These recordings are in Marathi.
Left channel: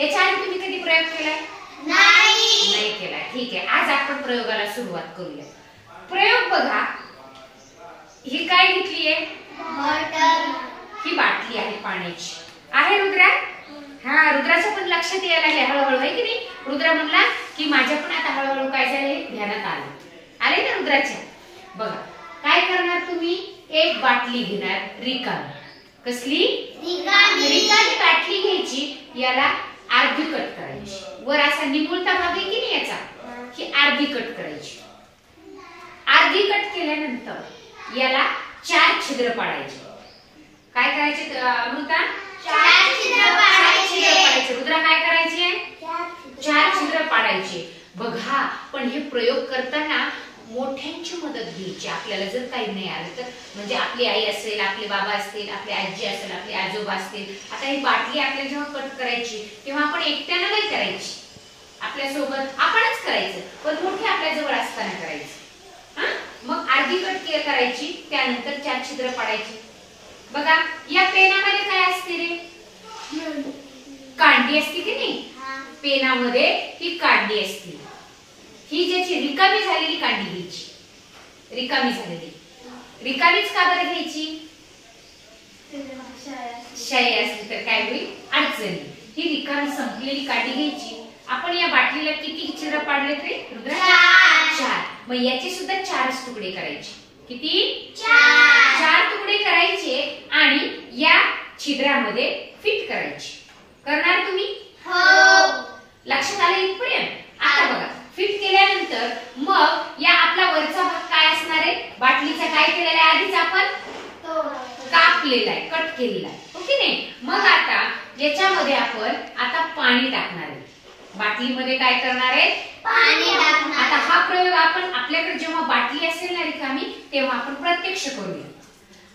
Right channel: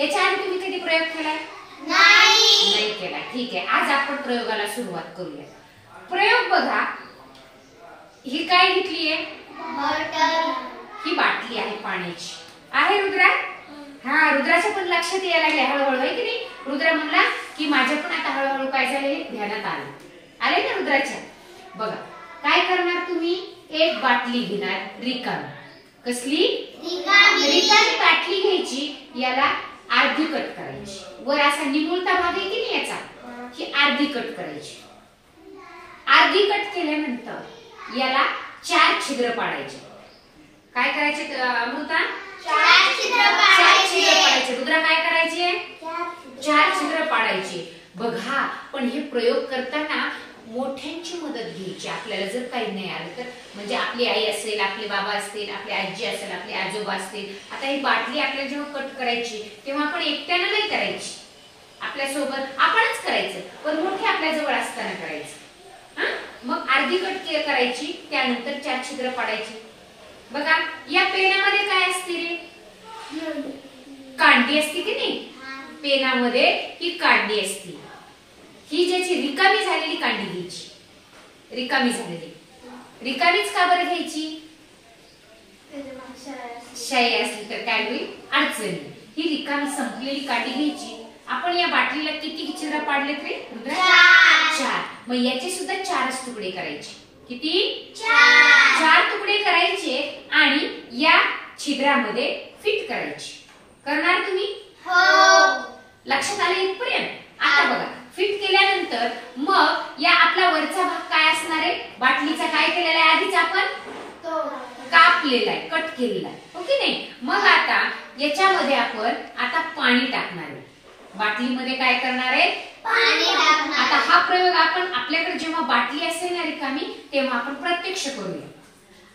याच्या आधी तुम्ही कधी प्रयोग केलाय? नाही केला. ठीक आहे, आज आपण प्रयोगाला सुरुवात करूया. प्रयोग बघा, ही काय घेतलीये? ही बाटली आहे पाण्याची. आहे रुद्रा? हा, रुद्राच्या पण लक्षात यायला लागले हळूहळू, आहे की नाही? रुद्रा म्हणला की माझ्या पण आता हळूहळू काय झाले ध्यानात आले ना रुद्राच्या. बघा काय करणार तुम्ही, एक बाटली घेणार रिकामी. कसली? रिकामी बाटली घ्यायची. याला अर्धी कट करायची. वर असा निमुळता भाग आहे की नाही याचा, ही अर्धी कट करायची. अर्धी कट केल्यानंतर याला 4 छिद्र पाडायचे. काय करायचे अमृता? 4 छिद्र पाडायचे. रुद्रा काय करायचे? 4 छिद्र पाडायचे. बघा, पण हे प्रयोग करताना मोठ्यांची मदत घ्यायची. आपल्याला जर काही नाही आलं तर, म्हणजे आपली आई असेल, आपले बाबा असतील, आपली आजी असेल, आपले आजोबा असतील. आता ही बाटली आपल्याला जेव्हा कट करायची तेव्हा आपण एकट्यानं नाही करायची, आपल्या सोबत आपणच करायचं, पण मोठे आपल्या जवळ असताना करायचं. मग अर्धी कट करायची, त्यानंतर 4 छिद्र पाडायची. बघा या पेनामध्ये काय असते रे? कांडी असते की नाही? पेनामध्ये ही कांडी असते. ही ज्याची रिकामी झालेली कांडी घ्यायची. रिकामी झालेली. रिकामीच का बरं घ्यायची? शाई असली तर काय होईल? अडचणी. ही रिकामी संपलेली कांडी घ्यायची. आपण या बाटलीला किती छिद्र पाडले रे रुद्रा? 4. मग याचे सुद्धा 4च तुकडे करायचे. किती? 4 तुकडे करायचे आणि या छिद्रामध्ये फिट करायचे. करणार तुम्ही? लक्षात आले इथपर्यंत? आता बघा, फिट केल्यानंतर मग या आपला वरचा भाग काय असणार आहे? बाटलीचा काय केलेला आहे? आधीच आपण कापलेला आहे, कट केलेला आहे, हो की नाही? मग आता याच्यामध्ये आपण आता पाणी टाकणार आहे. बाटलीमध्ये काय करणार आहे? पाणी टाकणार. आता हा प्रयोग आपण आपल्याकडे जेव्हा बाटली असेल ना रिकामी तेव्हा आपण प्रत्यक्ष करूया.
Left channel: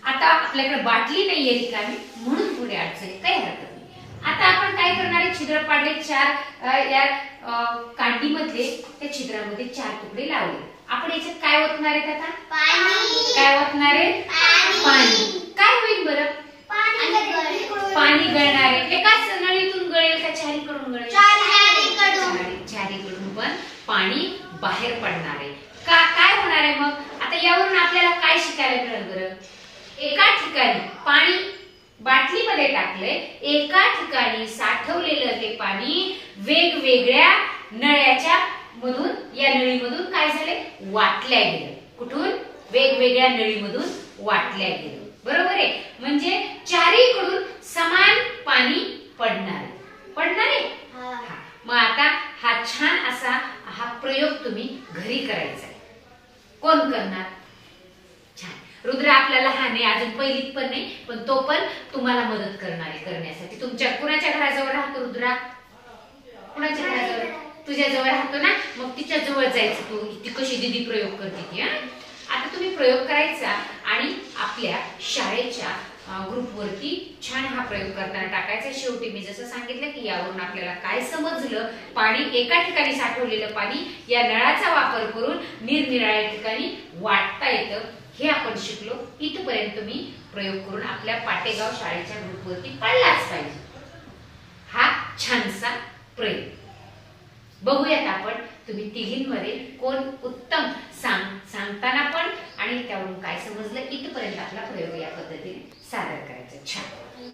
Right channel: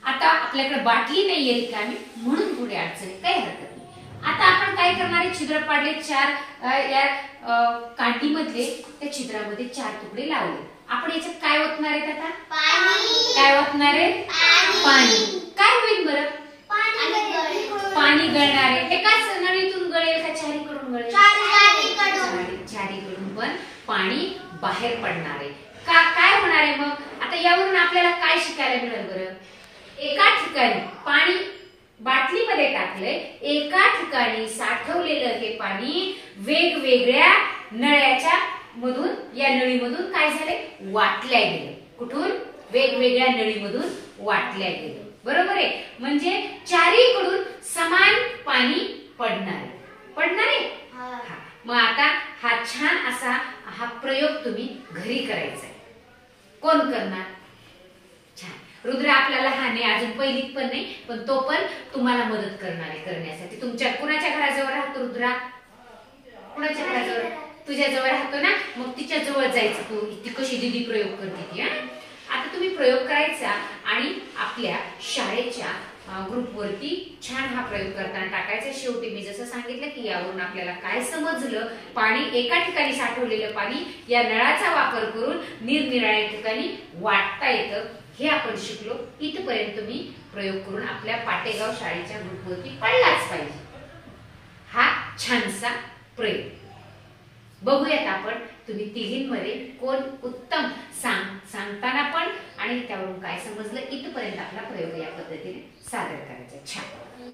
आता आपल्याकडे बाटली नाहीये रिकामी म्हणून थोडी अडचणी, काही हरकत नाही. आता आपण काय करणार आहे? छिद्र पाडले 4 या कांडीमधले, त्या छिद्रामध्ये 4 तुकडे लावले. आपण याच्यात काय ओतणार आहेत आता? पाणी. काय ओतणार आहे? पाणी. काय होईल बरं? पाणी गळणार आहे. एकाच नळीतून गळेल का चारीकडून गळेल? चारीकडून पण पाणी बाहेर पडणार आहे. काय होणार आहे मग? आता यावरून आपल्याला काय शिकायला मिळेल बरं? एका ठिकाणी पाणी बाटलीमध्ये टाकले, एका ठिकाणी साठवलेलं हे पाणी वेगवेगळ्या नळ्याच्या मधून, या नळीमधून काय झाले? वाटल्या गेलं. कुठून? वेगवेगळ्या नळीमधून वाटल्या गेलं. बरोबर आहे? म्हणजे चारीकडून समान पाणी पडणार आहे. मग आता हा छान असा हा प्रयोग तुम्ही घरी करायचा आहे. कोण करणार? छान. रुद्र आपला लहान आहे, अजून पहिलीत पण नाही, पण तो पण तुम्हाला मदत करणार आहे करण्यासाठी. तुमच्या कुणाच्या घराजवळ राहतो रुद्रा? कुणाच्या घराजवळ? तुझ्या जवळ राहतो ना, मग तिच्या जवळ जायचं. तू ती कशी दीदी प्रयोग करते ती. आता तुम्ही प्रयोग करायचा आणि आपल्या शाळेच्या ग्रुपवरती छान हा प्रयोग करताना टाकायचा. शेवटी मी जसं सांगितलं की यावरून आपल्याला काय समजलं? पाणी एका ठिकाणी साठवलेलं पाणी या नळाचा वापर करून निरनिराळ्या ठिकाणी वाटता येतं, हे आपण शिकलो. इथपर्यंत तुम्ही प्रयोग करून आपल्या पाटेगाव शाळेच्या ग्रुपवरती पडलाच पाहिजे हा छानसा प्रयोग. बघूयात आपण तुम्ही तिघींमध्ये कोण उत्तम सांगताना पण आणि त्यावरून काय समजलं. इथपर्यंत आपला प्रयोग या पद्धतीने सादर करायचा. छान.